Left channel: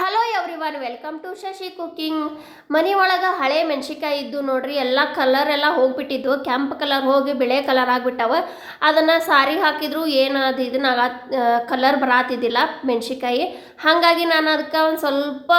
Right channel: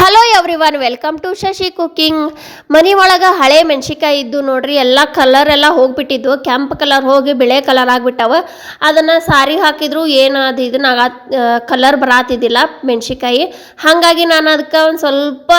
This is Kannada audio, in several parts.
Hello everyone welcome to Shashi cooking ಮನೆ ಒಳಗೆ ಹಳೆ ಮೆಣಸಿಕಾಯಿ ಇದ್ದು ನೋಡ್ರಿ, ಎಲ್ಲ ಕಲರ್ ಎಲ್ಲ ಹೋಗ್ಬಿಟ್ಟಿದ್ವು. ಕೆಂಪು ಕಲರ್ ಹೋಗಿ ಬಿಳೆ ಕಲರ್ ಆಗಿಬಿಟ್ಟವ. ಅದನ್ನು ಸಾರಿ ಹಾಕಿದ್ರು, ಏನು ಅದು ಇದನ್ನ ಕಲರ್ ಬರಾತಿದ್ದಿಲ್ಲ ಮೆಣಸಿಕಾಯಿ ಹಾಗಾಗಿ ನಾನು ಅದಕ್ಕೆ ಒಂದು ಸ್ವಲ್ಪ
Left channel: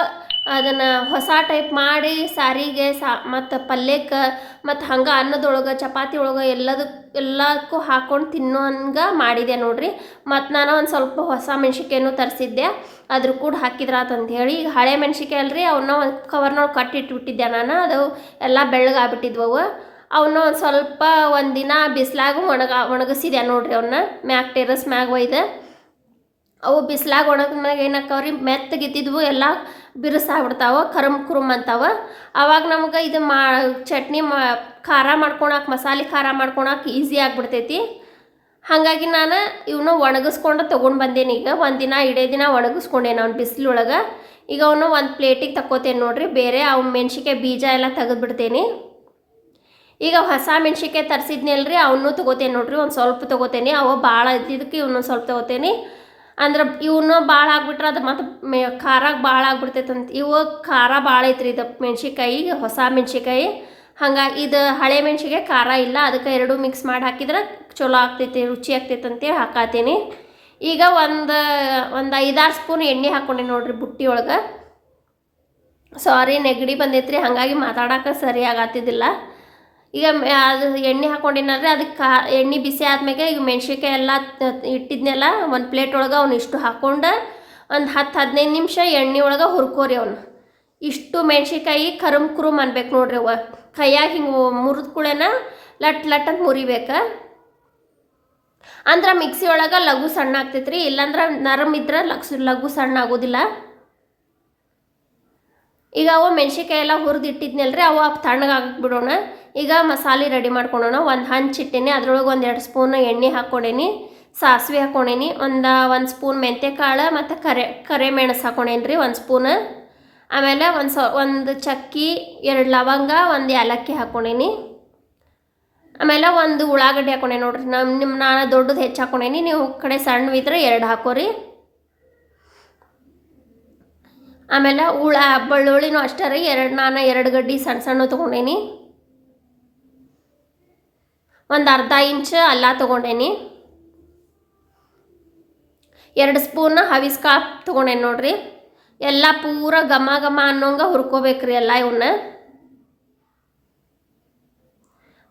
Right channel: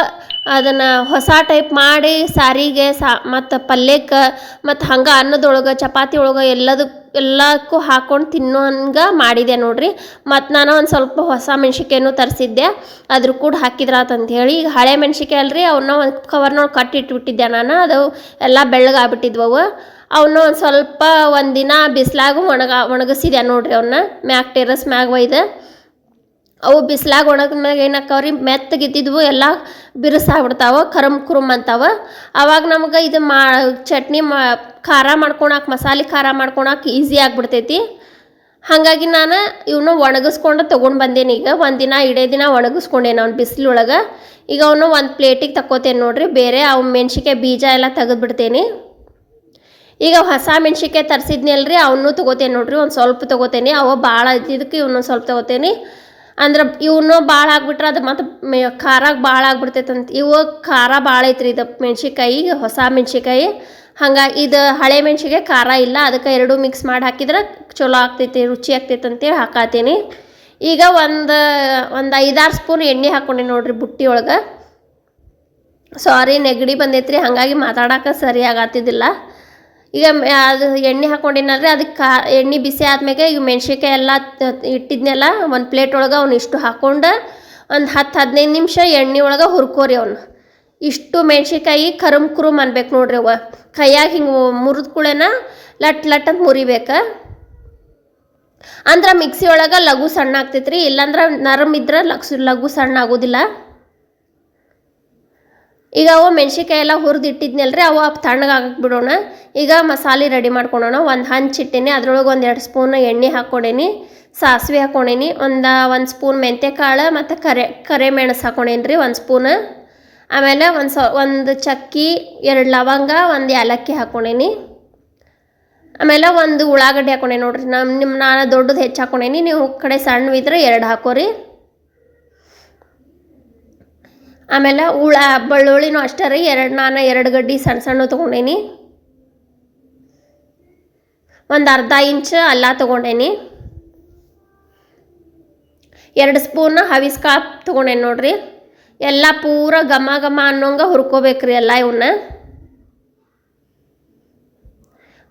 ಅದನ್ನು ಹೊಸ ಟೈಪ್ ಮಾಡಿ, ಸಾರಿಗೆ, ಸಾ, ಮತ್ತು ಪಲ್ಯಕ್ಕೆ, ಮತ್ತು ಹಂಗೆ ಅನ್ನದೊಳಗೆ, ಚಪಾತಿ ಒಳಗೆ ಎಲ್ಲದಕ್ಕೆ ಎಲ್ಲಕ್ಕೂ ಹಾಕ್ಕೊಂಡು ತಿನ್ನೋ ಹಂಗೆ ಮಾಡಿದೆ ನೋಡಿರಿ. ಮತ್ತು ನಾನು ಒಂದು ಸ್ವಲ್ಪ ಹೊಸ ಮೆಣ್ಸಿಕಾಯನ್ನು ತರಿಸಿದ್ದೆ. ಅದ್ರ ಕೂಡ ಹಾಕಿದ್ರಾತಂಥೇಳಿ ಈಗ ಹಳೆ ಮೆಣ್ಸಿಕಾಯಿ ಅಲ್ರಿ ಅವನ್ನ ಒಂದು ಕವರ್ನೊಳಗೆ ಕಟ್ಟಿಟ್ಬಿಟ್ಟಿದ್ದೆ ನಾನು. ಅದು ಎಲ್ಲ ಬೆಳ್ಳಗಾಗ್ಬಿಟ್ಟಿದ್ವು ಅವನ್ನ ಒಂದು ಸ್ವಲ್ಪ ಒಂದು ದಿನ ಬಿಸಿಲಾಗ ಒಣಗ, ಒಣಗಿಸಿದೆ ನೋಡ್ರಿ ಅವನ್ನ ಮ್ಯಾಗ ಟೆರಸ್ ಮ್ಯಾಗ ಒಯ್ದು. ಅವು ಬಿಸ್ಲಾಗ ಒಣಗಿದ್ಮ್ಯಾಗ ರೀ ಮೆತ್ತಗಿದ್ದಿದ್ವು, ಎಲ್ಲ ಬಿರುಸಾಗ್ಬಿಡ್ತಾವ, ಕರಮ್ ಕುರುಮ್ ಅಂತಾವ. ಅವಾಗ ನಮ್ಗೆ ಇದು ಮಾ, ಚಟ್ನಿ ಮಾ, ಖಾರ ಮಾಡ್ಕೊಳಕ್ಕೆ ಮಸಾಲೆ ಖಾರ ಮಾಡ್ಕೊಳಕ್ಕೆ ಈಸಿ ಆಗಿಬಿಡ್ತೈತಿ. ಹಾಗಾಗಿ ನಾನು ಇವನು ಒಣಗಿಸ್ಕೊಂಡು ತೊಗೊಂಡು ಬಂದೇನಿ ಈಗ. ಒಂದು ದಿನ ಇಡೇ ದಿನ ಒಣಗಿಸ್ಕೊಂಡೇನೆ ಅವ್ನು ಬಿಸಿಲೊಳಗೆ. ಈಗ ಅವನು ಒಂದು ಪ್ಲೇಟಿಗೆ ತಕ್ಕೋತೇನೆ ನೋಡಿರಿ, ಬೇರೆ ಅವು ಮೆಣ್ಸಿಕಾಯಿ ಬೀಜ ಎಲ್ಲ ತೆಗೆದ್ಬಿಡ್ತೇನೆ. ಈಗ ಹೊಸ ಮೆಣ್ಸಿಕಾಯಿ ತರಿಸಿದ್ನಲ್ರಿ ಅವನ್ನೂ ತೊಗೋತೇನೆ ನೋಡಿರಿ, ಒಂದು ಸ್ವಲ್ಪ ತೊಗೋತೇನೆ. ಅವ ಭಾಳ ಇದ್ದಿದ್ದಕ್ಕೆ ಇವನು ಸ್ವಲ್ಪ ತೊಗೋತೇನೆ. ಅಂದ್ರೆ ಇವನು ಭಾಳ ಆಗ್ಬಿಟ್ರೆ ಅದು ಮತ್ತು ಮೆ ಖಾರ ಭಾಳ ಆಗ್ಬಿಡ್ತೈತಂತ. ಇವು ಖಾರ ಭಾಳ ಐತ್ರಿ ಇದು ಮೆಣ್ಸಿಕಾಯಿ ಹೊಸ ಮೆಣ್ಸಿಕಾಯಿ ಹಂಗಾಗಿ ಇದು ಹಳೆ ಮೆಣಸಿಗೆ ಖಾರ ಇಲ್ಲ, ಅದಕ್ಕೆ ಎರಡು ಮಿಕ್ಸ್ ಮಾಡಿ ಹಾಕಿದ್ರೆ ಚಲೋ ಆಗ್ತೈತಿ, ರುಚಿ ಆಗ್ತೈತೆ ಅಂತೇಳಿ ಹಾಕಾತೀನಿ. ಈಗ ಒಂದು ಒಂದು ಐದಾರು ಸ್ಪೂನ್ ಎಣ್ಣೆ ಹಾಕ್ಕೊಂಡೆ ನೋಡ್ರಿ ಬುಟ್ಟಿ ಒಳಗೆ. ಸಾರಿ ನೆಗಡಿ ಬಂದೈತ್ರಿ, ಹಾಗಾಗಿ ಮಾತಾಡೋಕೆ ಸರಿ ಆಗತ್ತಿದ್ದಿಲ್ಲ ಈಗ ಅದು ಎಣ್ಣೆ ಹಾಕ್ಕೊಂಡಿನಲ್ರಿ ಅದಕ್ಕೆ ಕಾ, ಎಣ್ಣೆ ಬಿಸಿ ಆದ್ಮೇಲೆ ಈಗ ಮೆಣ್ಸಿನ್ಕಾಯಿ ಎಲ್ಲ ಇಟ್ಟಿದ್ನೆಲ್ಲ, ಒಂದು ಪ್ಲೇಟ್ ಒಳಗೆ ಅವ್ನು ಇಷ್ಟು ಹಾಕ್ಕೊಂಡು ಒಂದು ಹತ್ತು ಹದಿನೈದು ನಿಮಿಷ ಎಣ್ಣೆ ಒಳಗೆ ಹುರ್ಕೋರಿ ಅವನು. ಇಷ್ಟು ಮೆಣ್ಸಿನ್ಕಾಯಿ ಕರುಮ್ ಕುರುಮ್ ಅನ್ಬೇಕು ನೋಡ್ರಿ ಅವ ಕೈಯಾಗ ಹಿಂಗೆ ಮುರಿದ ಕೂಳೆನ ಲಟ್ ಲಟ್ ಅಂತ ಮುರಿಬೇಕು. ಅಂದ್ರೆ ಮಿಕ್ಸಿ ಒಳಗೆ ಲಘು ಸಣ್ಣ ಆಗ್ತೈತ್ರಿ, ಇಲ್ಲಾಂದ್ರೆ ನರಮ್ ಇದ್ರೆ ಲಗ್ಸು ಲಘು ಸಣ್ಣ ಆಗೋದಿಲ್ಲ. ಈಗ ಅವು ಮೆಣ್ಸಿನ್ಕಾಯಿ ಎಲ್ಲ ರೀ ಅವು ತಣ್ಣಗಾಗಕ್ಕೆ ಬಿಡೋಣ. ಈಗ ಮಸಾಲೆ ರೆಡಿ ಮಾಡ್ಕೊಳೋಣ. ಒಂದು ಹಂಚಿಟ್ಟಿನಿ ಅದ್ರೊಳಗೆ ಒಂದು ಎರಡು ಸ್ಪೂನ್ ಎಣ್ಣೆ ಹಾಕ್ಕೊಂಡೇನಿ ಸಾಸಿವೆ ಹಾಕ್ಕೊಂಡೇನಿ ಒಂದು ಒಂದು ಸ್ಪೂನ್ ಮೆಂತ್ಯಕಾಳು ಮತ್ತು ಕರೆ ಕರೆ ಮೆಣಸು ಹಾಕ್ಕೊಂಡೇನಿ ರೀ ಒಂದು ಸ್ಪೂನ್. ಆಮೇಲೆ ಒಂದು ಸ, ಒಂದು ಚಕ್ಕಿ, ಎರಡು ಲವಂಗ, ಒಂದು ಏಲಕ್ಕಿ ಹಾಕ್ಕೊಂಡೇನಿ ಆಮೇಲೆ ಒಂದು ಉಳ್ಳಾಗಡ್ಡಿ ಹಾಕ್ಕೊಂಡೇನಿ ನೋಡ್ರಿ. ನಮ್ಮ ನಿಮ್ಮ ನಾನು ದೊಡ್ಡದು ಹೆಚ್ಚು ಹಾಕ್ಕೊಂಡೇನಿ ನೀವು ಕಡೆ ಸಣ್ಣವಿದ್ರೆ ಎರಡು ಹಾಕೋರಿ. ಆಮೇಲೆ ಹುಳ, ಬೆಳ್ಳುಳ್ಳಿನೂ ಅಷ್ಟೇ ರೀ. ಎರಡು ನಾನು ಎರಡು ಗಡ್ಡಿ ಸಣ್ಣ ಸಣ್ಣ ತೊಗೊಂಡೇನಿ. ಒಂದು ಅರ್ಧ ಇಂಚ್ ಅಲ್ಲ ತೊಗೊಂಡೇನಿ. ಎರಡು ಸ್ಪೂನ್ ಹವಿಸ್ ಕಾಳು ತೊಗೊಂಡೇನಿ ನೋಡ್ರಿ. ಎಲ್ಲ ಪೂರ ಘಮ ಘಮ ಅನ್ನೋಂಗೆ ಹುರ್ಕೋಬೇಕ್ರಿ ಎಲ್ಲ ಇವನ್ನ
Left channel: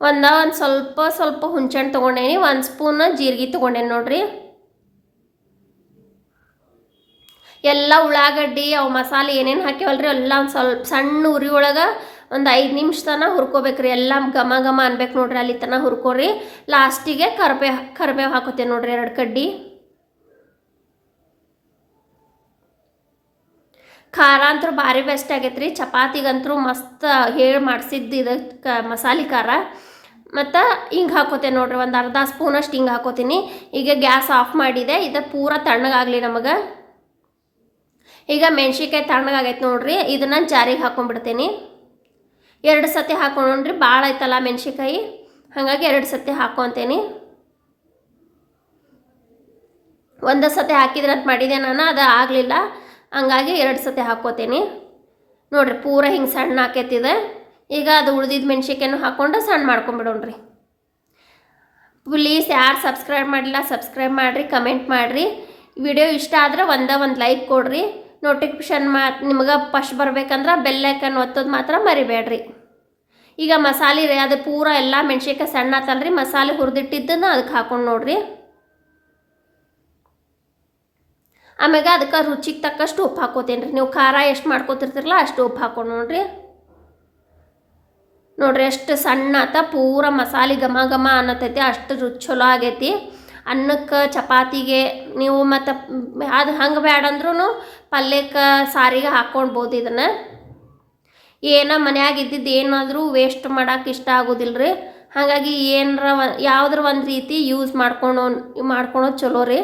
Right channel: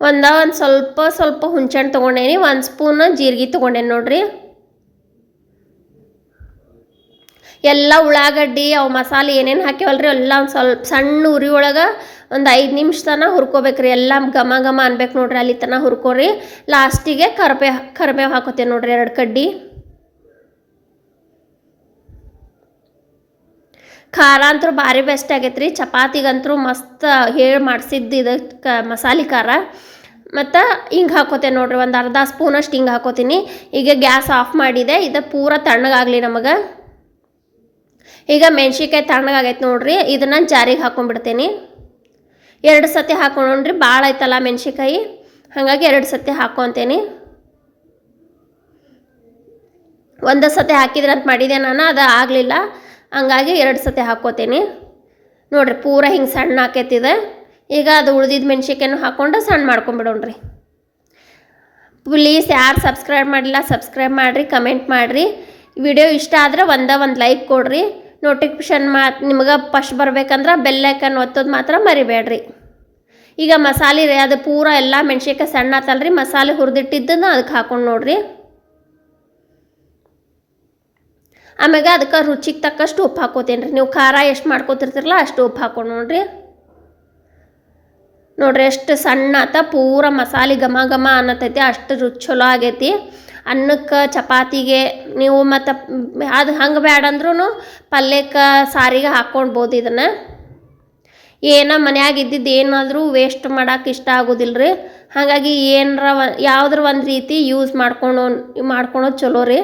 ಒಂದ ಒಂದು ಸ್ವಲ್ಪ ಸ್ವಲ್ಪ ಹುಣ್ಸೆಹಣ್ಣು ತೊಗೊಂಡೇನಿ. ಒಂದು ಸ್ಪೂನ್ ಜೀರಿಗೆ ತೊಗೊಂಡೇನಿ ನೋಡ್ರಿ. ಎಲ್ಲ ಉಳ್ಳಾಗಡ್ಡಿ, ಅವು ಮಸಾಲೆ ಏನೇನು ಹಾಕ್ಯವಲ್ರಿ, ಎಲ್ಲ ಒಂದು ಸ್ವಲ್ಪ ಸಣ್ಣ ಉರಿ ಒಳಗೆ ಒಂದು ಐದು ನಿಮಿಷ ತನಕ ಹುರ್ಕೋಬೇಕ್ರಿ. ಎಲ್ಲ ಘಮ ಘಮ ಅನ್ಬೇಕು ನೋಡ್ರಿ, ಅಲ್ಲಿ ತನಕ ಹುರ್ಕೋರಿ. ಲಾಸ್ಟಿಗೆ ಕರ್ಬೇವು ಕರ್ಬೇವು ಹಾಕೋತೇವೆ ನೋಡ್ರಿ ಎರಡು ಕಡ್ಡಿ. ಖಾರ ಅಂತೂ ಭಾರಿ ಬೆಸ್ಟ್ ಆಗೈತೆ ರೀ ಚಪಾತಿಗಂತೂ ಮಸ್ತ್ ಹೇಳಿ ಮಾಡಿಸಿದ್ದು ಇದು ಕ, ಮಸಾಲೆ ಖಾರ. ಮತ್ತು ಹಿಂಗೆ ಹಾಕೋತೇನೆ ನೋಡ್ರಿ, ಒಂದು ಅರ್ಧ ಸ್ಪೂನಷ್ಟು ಹಿಂಗೆ ಹಾಕೋತೀನಿ. ಈಗ ಗ್ಯಾಸ್ ಆಫ್ ಮಾಡಿದೆ, ಇದು ಪೂರ ತಣ್ಣಗಾಗಲಿ ನಮಗೆ. ಈಗ ಮೆಣ್ಸಿನ್ಕಾಯಿ ತಣ್ಣಗಾಗೈತೆ ನೋಡ್ರಿ ಇದನ್ನು ಜಾರಿಗೆ ಹಾಕೊಂಡ್ಬಿಡ್ತೀನಿ. ಎರಡು ಸತಿ ಹಾಕೊಂಡ್ರಿ ಭಾಳ ಐತಲ್ಲ ಮೆಣ್ಸಿನ್ಕಾಯಿ. ಹಾಗಾಗಿ ಎರಡು ಸತಿ ಹಾಕೊತೀನಿ ಒಂದು ಸತಿ ಹಾಕಿದ್ರೆ ಅಂತ ಮಾಡಿದೆ ನಾನು, ಅದು ಆಗಲಿಲ್ಲ. ಹಂಗಾಗಿ ಎರಡು ಸತಿ ಹಾಕ್ಕೋತೀನಿ ನೋಡ್ರಿ, ಪೂರ ಹಿಂಗೆ ಸಣ್ಣ ಹಾಕೈತಿದೆ ಈಗ ಅದು ಉಳ್ದಿದ್ದ ಮೆಣ್ಸಿನ್ಕಾಯನ್ನು ಹಾಕ್ಕೊಂಡು ಸಣ್ಣ ಮಾಡ್ಕೊಂಬಿಡೋಣ್ರಿ. ಪ್ಲೀಸ್ ಯಾರು ಸಬ್ಸ್ಕ್ರೈಬ್ ಮಾಡಿಲ್ಲ ಸಬ್ಸ್ಕ್ರೈಬ್ ಮಾಡಿರಿ, ಕಮೆಂಟ್ ಮಾಡಿರಿ. ವಿಡಿಯೋ ಇಷ್ಟ ಆದರೆ ಒಂದೇ ಒಂದು ಲೈಕ್ ಕೊಡ್ರಿ. ನೋಟಿಫಿಕೇಷನ್ ಮಾ, ನಿಮ್ಗೆ ಫಸ್ಟ್ ಬರ್ಬೇಕಂದ್ರೆ ಬೆಲ್ಲೈಕನ್ ಒತ್ತೋದು ಮಾತ್ರ ಮರಿಬೇಡ್ರಿ. ಈಗ ಮಸಾಲೆ ರೀ, ಅದು ಪೂರ ಎಲ್ಲ ಮೆಣ್ಸಿನ್ಕಾಯಿ ಸಣ್ಣ ಆತಲ್ರಿ, ಮಸಾಲೆ ಹುರಿದಿಟ್ಟಿದ್ದನ್ನು ಅದಕ್ಕೆ ಹಾಕೊಂಡು ನೋಡ್ರಿ. ಆಮೇಲೆ ಅದಕ್ಕೆ ರುಚಿಗೆ ತಕ್ಕಷ್ಟು ಉಪ್ಪು ಹಾಕೋತೀನಿ ರೀ ನೀವು ಖಾರ ಎಷ್ಟು ಮಾಡ್ಕೋತಿರ್ತಿರಲ್ಲ ಅಷ್ಟು ಉಪ್ಪು ಹಾಕೊಂಡು ನೋಡ್ರಿ. ನೋಡ್ರಿ ಎಷ್ಟು ಸಣ್ಣ ಆತ, ಪೂರ ಮಸಾಲೆ ಘಮ ಘಮ ಅನ್ನತೈತಿ, ಅಷ್ಟು ರುಚಿ ಚಲೋ ಆಗೈತಿ. ಅನ್ನಕ್ಕೆ, ಚಪಾತಿಗೆ ನೀವು ಮತ್ತು ಅದು ಹಂಗೆ ಬೇಡ ಅಂದ್ರೂ ಪಲ್ಯಕ್ಕೆ ಸಾರಿಗೆ ಹಾಕ್ಕೊಳ್ಬೋದು ಇದನ್ನು. ಏನೋ ಮನ್ಯಾಗ ಇದ್ದಿದ್ದು ಏನಾದರೂ ವೇಸ್ಟ್ ಮಾಡೋಕೆ ಇಷ್ಟ ಆಗೋದಿಲ್ಲ ರೀ ಹಾಗಾಗಿ ಏನರ ಯಾವುದ್ರ ಒಂದು ರೀತಿ ಯೂಸ್ ಮಾಡ್ಕೊಂಡು ಮಾಡ್ಕೊಳೋದು ಚಲೋ ರೀ.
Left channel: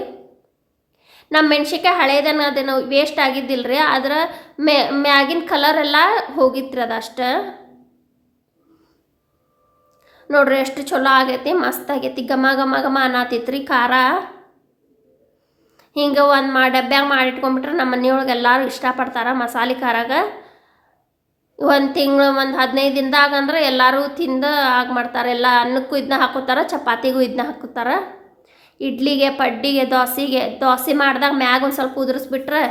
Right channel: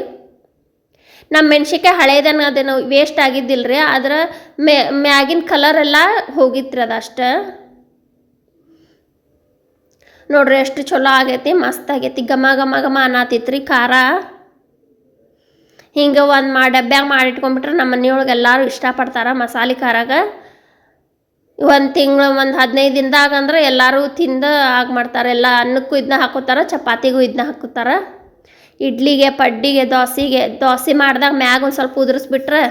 ನಮ್ಮ ಮೆಣ್ಸಿನ್ಕಾಯಿ ಹಳೇದನ್ನ ಅದೇನೋ ವೇಸ್ಟ್ ಆಗಿದ್ದಿಲ್ಲ ರೀ ಅದರ ಮ್ಯಾಗಿನ ಕಲರ್ ಎಲ್ಲ ಹೋಗಿತ್ರಿ ಅದಷ್ಟೇ ನೋಡ್ರಿ ಎಷ್ಟು ಚಲೋ ಆಗೈತಿ, ಮಸ್ತ್ ಆಗೈತಿ, ಘಮ ಘಮ ಘಮ ಅನ್ನತಿತ್ರಿ ಖಾರ. ಹಿಂಗೆ ಒಂದು ಮಾ ಡಬ್ಬ್ಯಾಗ ಮಾಡಿಟ್ಕೊಂಡ್ಬಿಟ್ರೆ ನಮ್ಮ ಮನೆಯೊಳಗೆ ಎಲ್ಲರೂ ಇಷ್ಟಪಡ್ತಾರೆ ಮಸಾಲೆ ಖಾರಾಗ. ಒಂದು ತಿಂಗಳು, ಒಂದು ಹದಿನೈದು ದಿನದಾಗ ಅಂದ್ರೆ ಎಲ್ಲರೂ ತಿಂದು ಆಗ ಮಾಡ್ತಾರೆ, ಎಲ್ಲ ಅನ್ನಕ್ಕೂ ಇದನ್ನ ಹಾಕೋತಾರೆ, ಚಪಾತಿಗೂ ಇದನ್ನ ಹಾಕೋತಾರೆ. ಇಡ್ಲಿಗೆ, ಪಡ್ಡಿಗೆ, ದೋಸೆಗೆ, ದೋಸೆ ಮಾಡಿದಾಗ ಮ್ಯಾಗ ಒಂದು ಸ್ವಲ್ಪ ಉದುರಿಸ್ಬಿಟ್ರೆ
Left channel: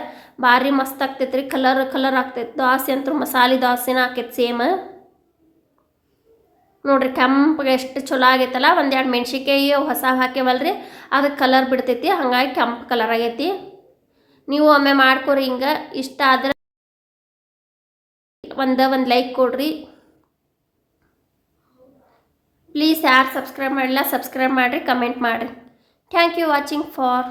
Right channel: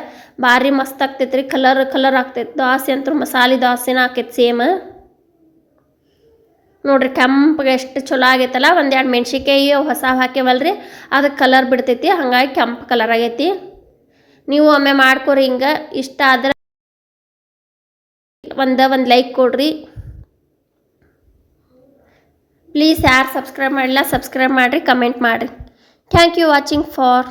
ಭಾರಿ ಮಸ್ತ್ ಆಗ್ತೈತ್ರಿ, ಕಲರ್ ಕಲರ್ ಆಗ್ತೈತೆ, ದೋಸೆ ಅಂತೂ ಮಸಾಲೆ ದೋಸೆನ ಹಾಕೈತೆ ಸೇಮ್. ನೋಡ್ರಿ ಕೆಂಪಗೆ ಎಷ್ಟು ಚಲೋ ಆಗೈತಲ್ಲ, ಒಂದೆರಡು ಎರಡು ಮೆಣ್ಸಿನ್ಕಾಯಿ ಹೊಸ ಹಾಕ್ಯವಲ್ರಿ ಅದಕ್ಕೆ ಕಲರ್ ಬಿಡ್ತೈತಿ, ಹಾಗಾಗಿ ಕೆಂಪು ಕಲರ್ ಆಗೈತಿ. ನೀವು ಒಮ್ಮೆ ಮಾಡ್ಕೊರಿ ಹಿಂಗೆ, ಇಷ್ಟ ಆದ್ರೆ ಒಂದು ಒಂದು ಲೈಕ್ ಕೊಡ್ರಿ. ಪ್ಲೀಸ್ ಯಾರು ಸಬ್ಸ್ಕ್ರೈಬ್ ಮಾಡಿಲ್ಲ ಸಬ್ಸ್ಕ್ರೈಬ್ ಮಾಡಿರಿ ಕಮೆಂಟ್ ಮಾಡಿರಿ. Thank you watching for